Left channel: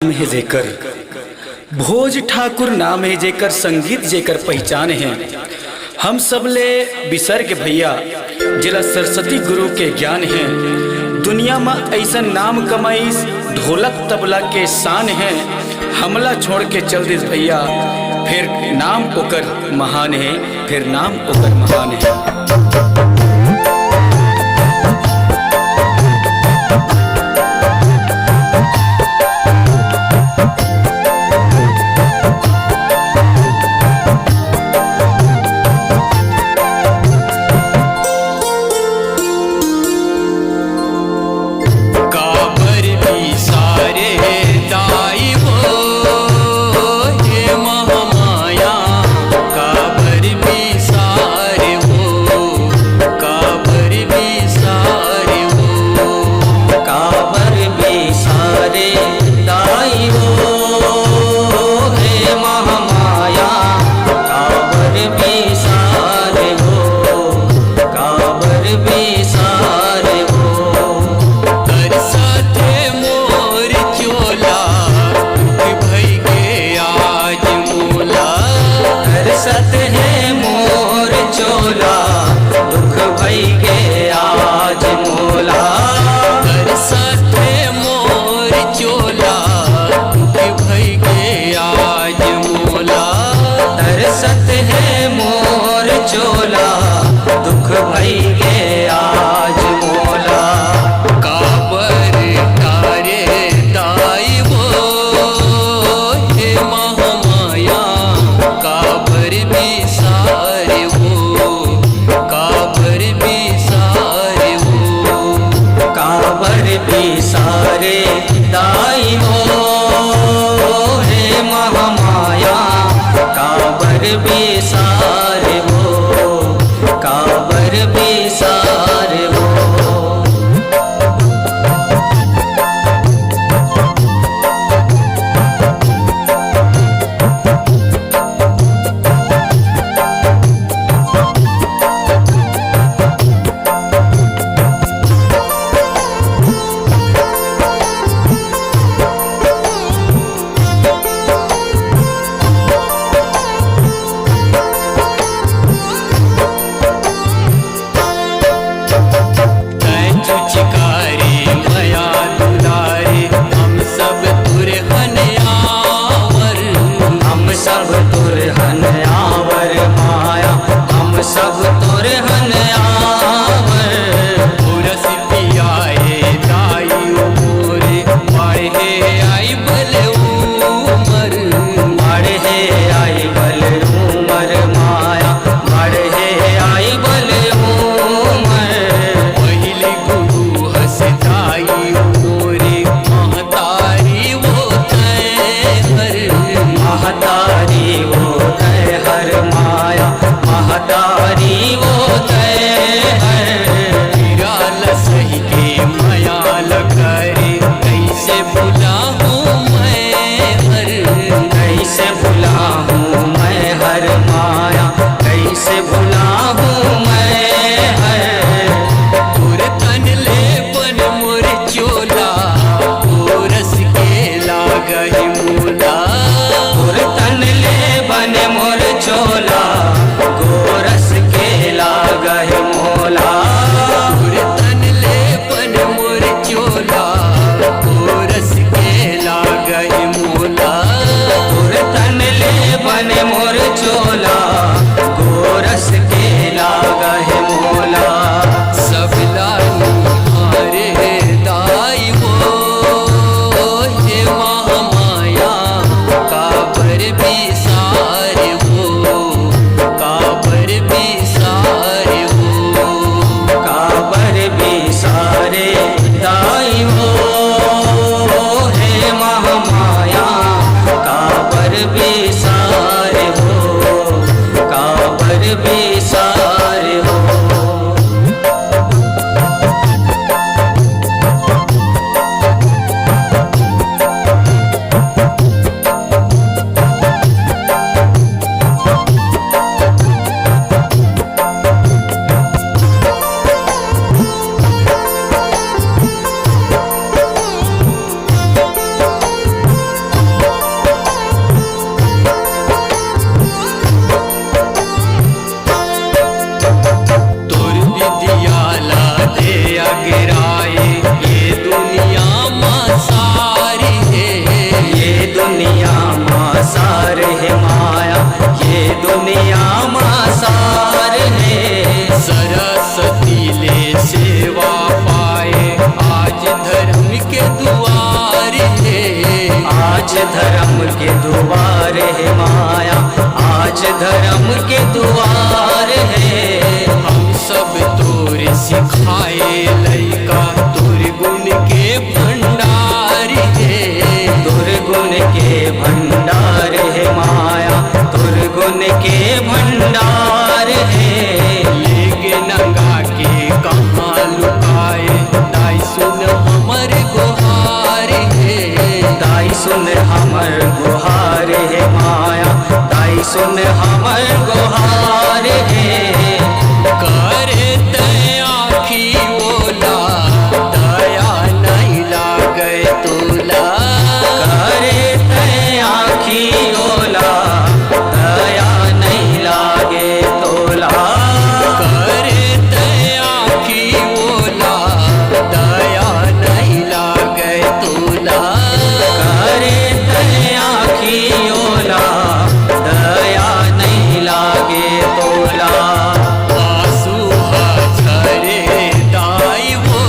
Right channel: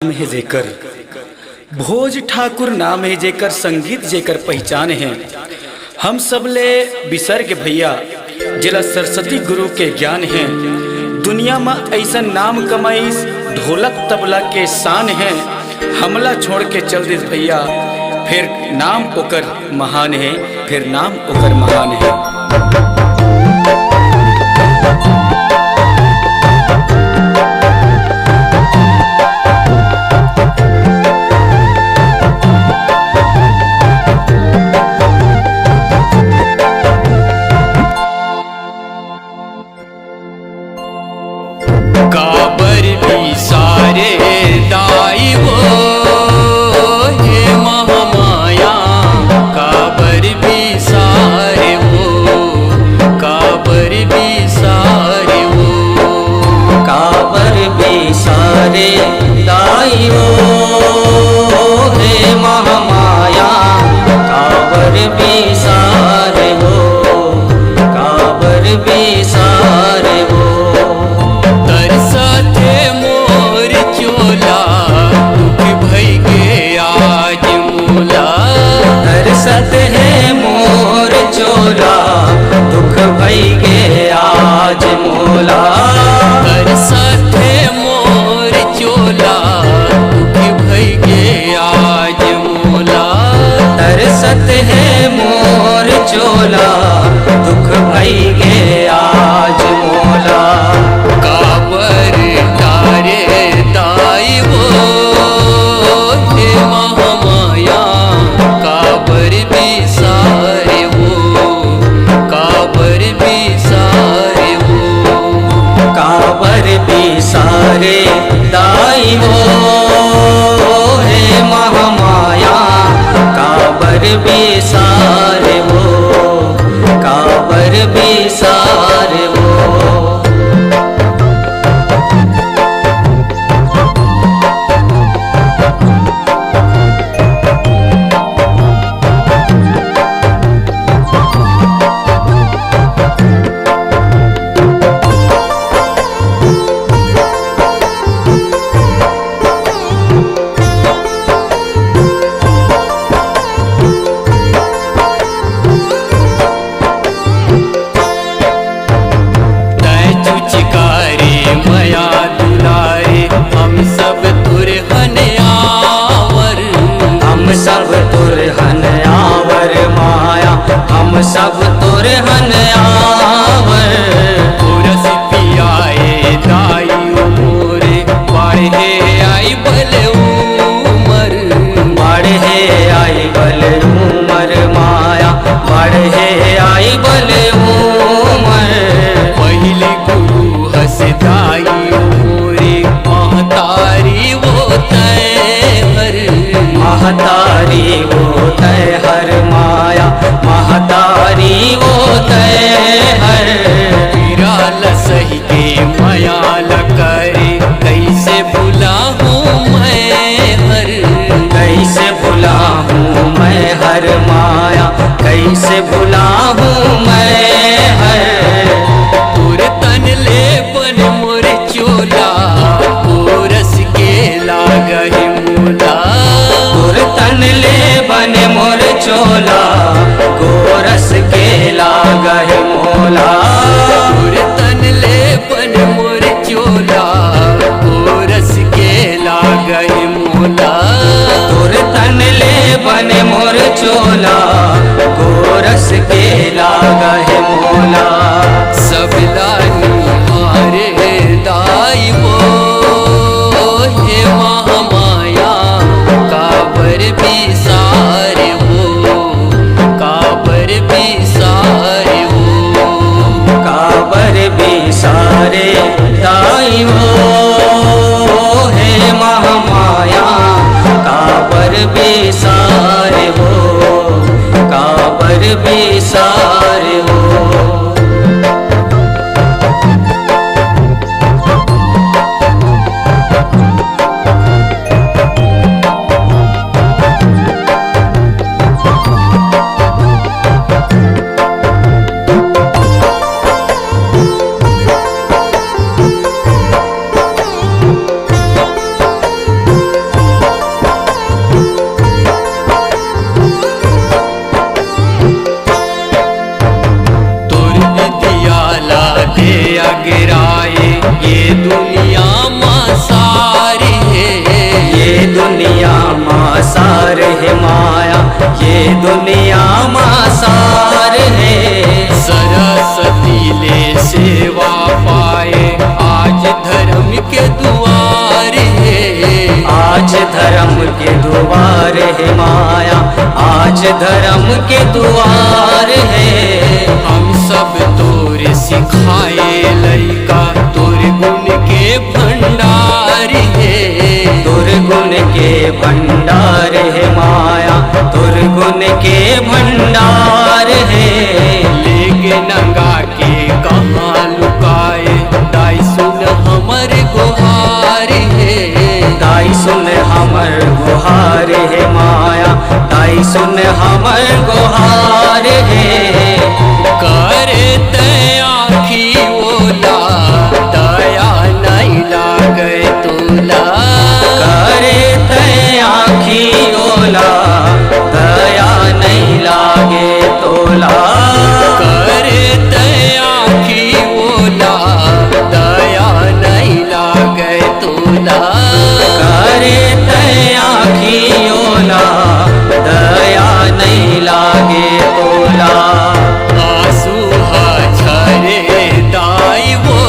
नाम है जेकर भोज ठाकुर नाम है जेकर संगीत जेकर पहचान है। हम सब ले बिसर के भैया जिला सरस्वती गुरु के ज्ञान है। दुनिया में ऐसा नाम कमाईस ढोलक तबला के शान है। हमला छोड़ के चल दिस भैया फिर नाम ओकर महान है, फिर नाम ओकर महान है। सारे दाई वो हे महामाया काबर भी सारे वो काबर भी सारे वो काबर भी सारे दाई वो हे महामाया काबर भी सारे हो काबर भी सारे हो सत है मोर चोला दुख भई गे आज मोला। बरसत है मोर चोला दुख भई गे आज मोला। तरसत है मोर चोला दुख भई गे आज मोला। काबर तारे दाई वो हे महामाया काबर भी सारे वो काबर भी सारे वो काबर भी सारे दाई वो हे महामाया काबर भी सारे वो काबर भी सारे वो। मया दुलारे हम सब तुरहन आवर हम सब तुरहन आवर माया हम सब तुरहन आवर। पुरस पियाए दाई मोरे बढ़े आई बल उमर बढ़े आई बल उमर माया बढ़े आई बल उमर। पहले गुरु हसदाई मोरे महतारी वो तय हर महतारी वो तय हर माया महतारी वो तय हर। विराल सही के मयाल करे कैसे भुला हूँ मैं हर कैसे भुला हूँ मैं हर माया कैसे भुला हूँ मैं हर। तुर तन ले बन मोर चोला कोरस के लागहि मोला। तुर तन ले बन मोर चोला गोरस के लागहि मोला। तुर तन ले बन मोर चोला कोरस के लागहि मोला। तुर तन ले बन मोर चोला गोरस के लागहि मोला। सबलानी हारे दाई वो हे महामाया काबर भी सारे वो काबर भी सारे वो काबर भी सारे दाई हो हे महामाया काबर भी सारे हो काबर भी सारे हो। दुनिया माँ सार है माया, ये दुनिया माँ सार है। सरस्वती ले सेवा पाए आज धर्म के द्वार है। आज धर्म के द्वार है माया, आज धर्म के द्वार है। हम सब तोरे सिखाए लइका तोर गुण के भंडार है। दुर्गुण के भंडार है माया, दुर्गुण के भंडार है। लेके नंगा के कहाँ लुकाए दाई सुन हमर गुहार है। दाई सुन हमर गुहार है माया, दाई सुन हमर गुहार है। करे ते आखी ओला दया नहीं लागे तोला। करे ते आखी ओला दया नहीं लागे तोला। करे ते आखी ओला दया नहीं लागे तोला। करे ते आखी ओला दया नहीं लागे तोला। आंसू झरे दाई वो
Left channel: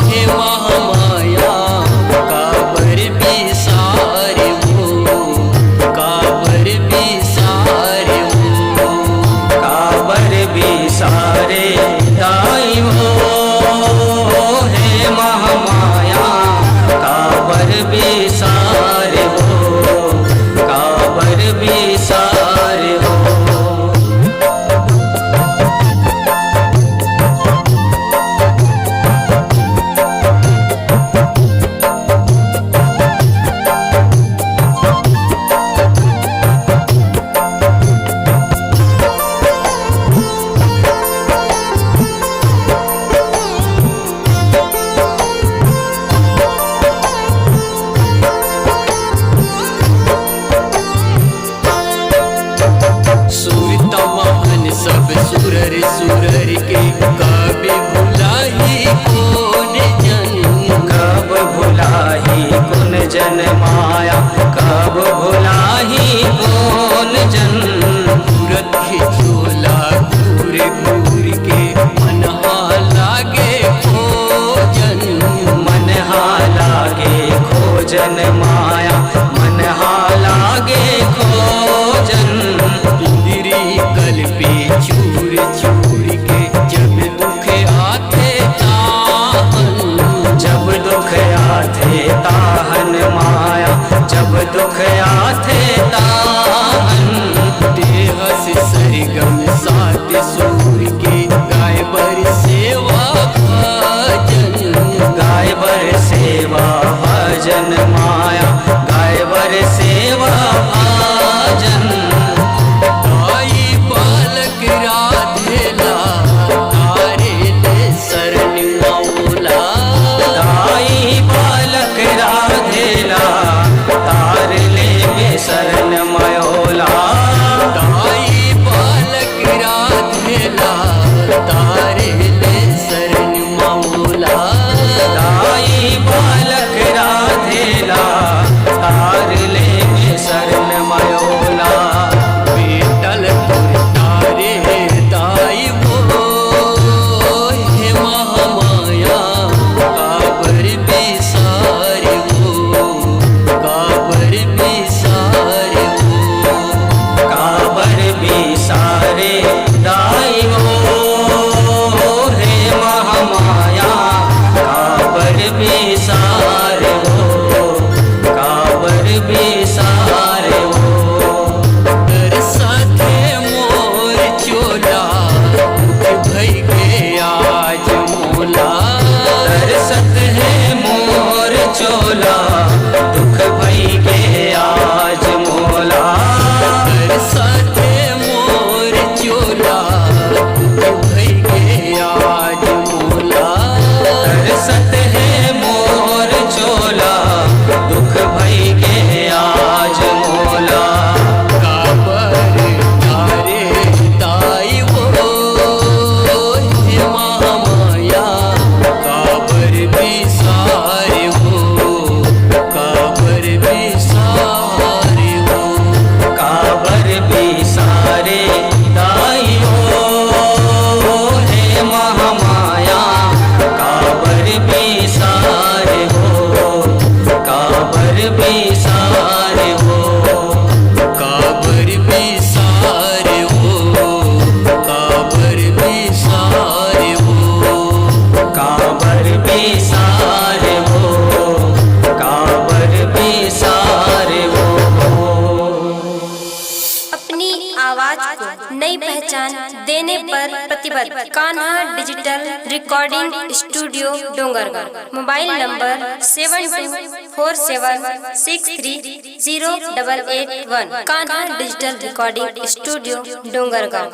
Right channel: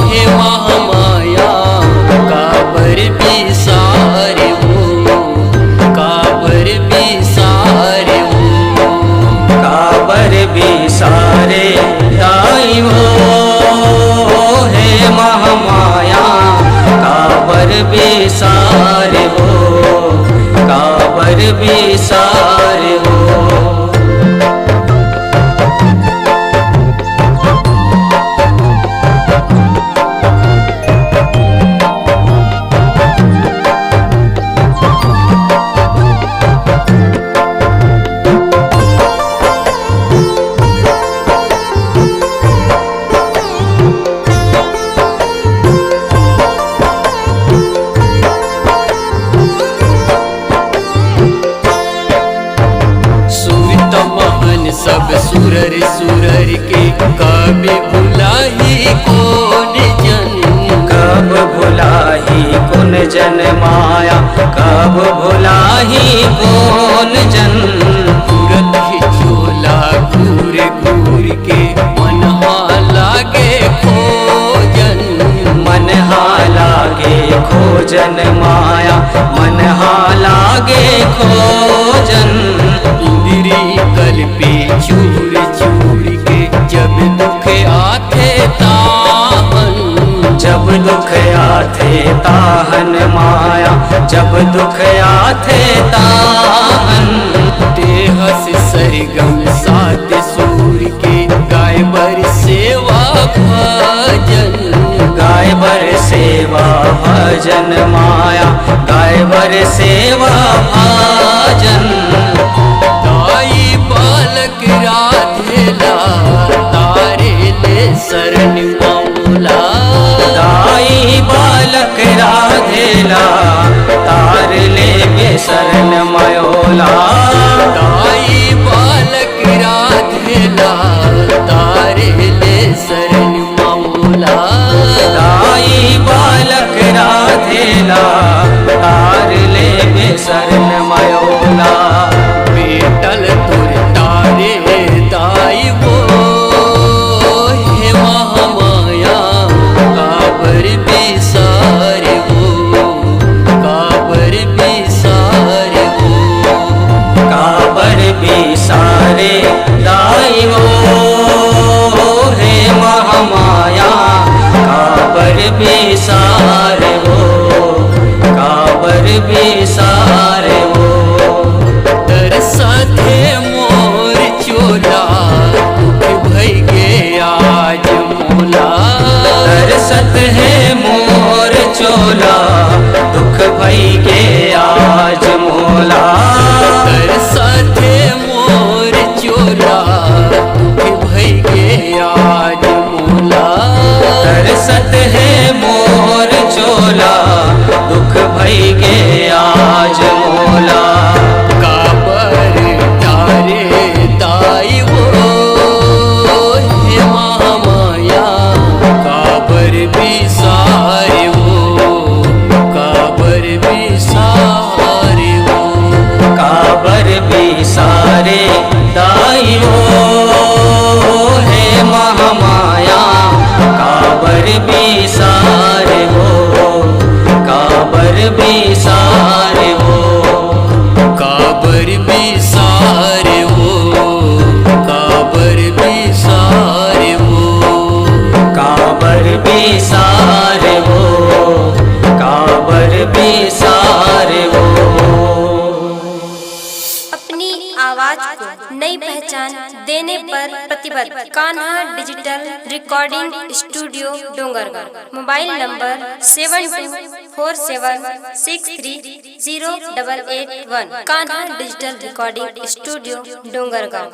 हे महामाया काबर बिसारे वो, काबर बिसारे वो। काबर बिसारे दाई हो हे महामाया, काबर बिसारे हो, काबर बिसारे हो। महान सब सुरर सुरर के कभी भुलाही कौन जन। कब भुलाही कौन जन माया, कब भुलाही कौन जन। तुरत ही झोला घूर घूर के मन लागे खोजन। मन लागे खोजन माया, मन लागे खोजन। इंद्री कल पे चूर चूर के जब दुख आते ताहन। जब दुख आते ताहन माया, जब दुख आते ताहन। देहस सरगम सात सूर के गाय बर सेवा भजन। गाय बर सेवा भजन माया, गाय बर सेवा भजन। दाई बालक राधेला तारे ले शरण मौला। दाई बालक राधेला तार ले बेसरन मयोला। दाई बालक राधेला तारे ले शरण मौला। दाई बालक राधेला तार ले बेसरन मयोला। बेटल तुर तारे दाई वो हे महामाया काबर बिसारे वो, काबर बिसारे वो। काबर बिसारे दाई वो हे महामाया, काबर बिसारे वो, काबर बिसारे वो। साथे मोर चोला दुख भई गे आज मोला। तरसत है मोर चोला दुख भई गे आज मोला। तरसत है मोर चोला दुख भई गे आज मोला। तरसत है मोर चोला दुख भई गे आज मोला। काबर तारे दाई वो हे महामाया काबर बिसारे वो, काबर बिसारे वो, काबर बिसारे वो, काबर बिसारे वो, काबर बिसारे वो, काबर बिसारे वो। अपनी आवाज को नई पहचान देने पर प्रतिबद्ध Kanha digital recording studio Dongargarh. Mobile number 7247630881। Kanha digital recording studio Dongargarh.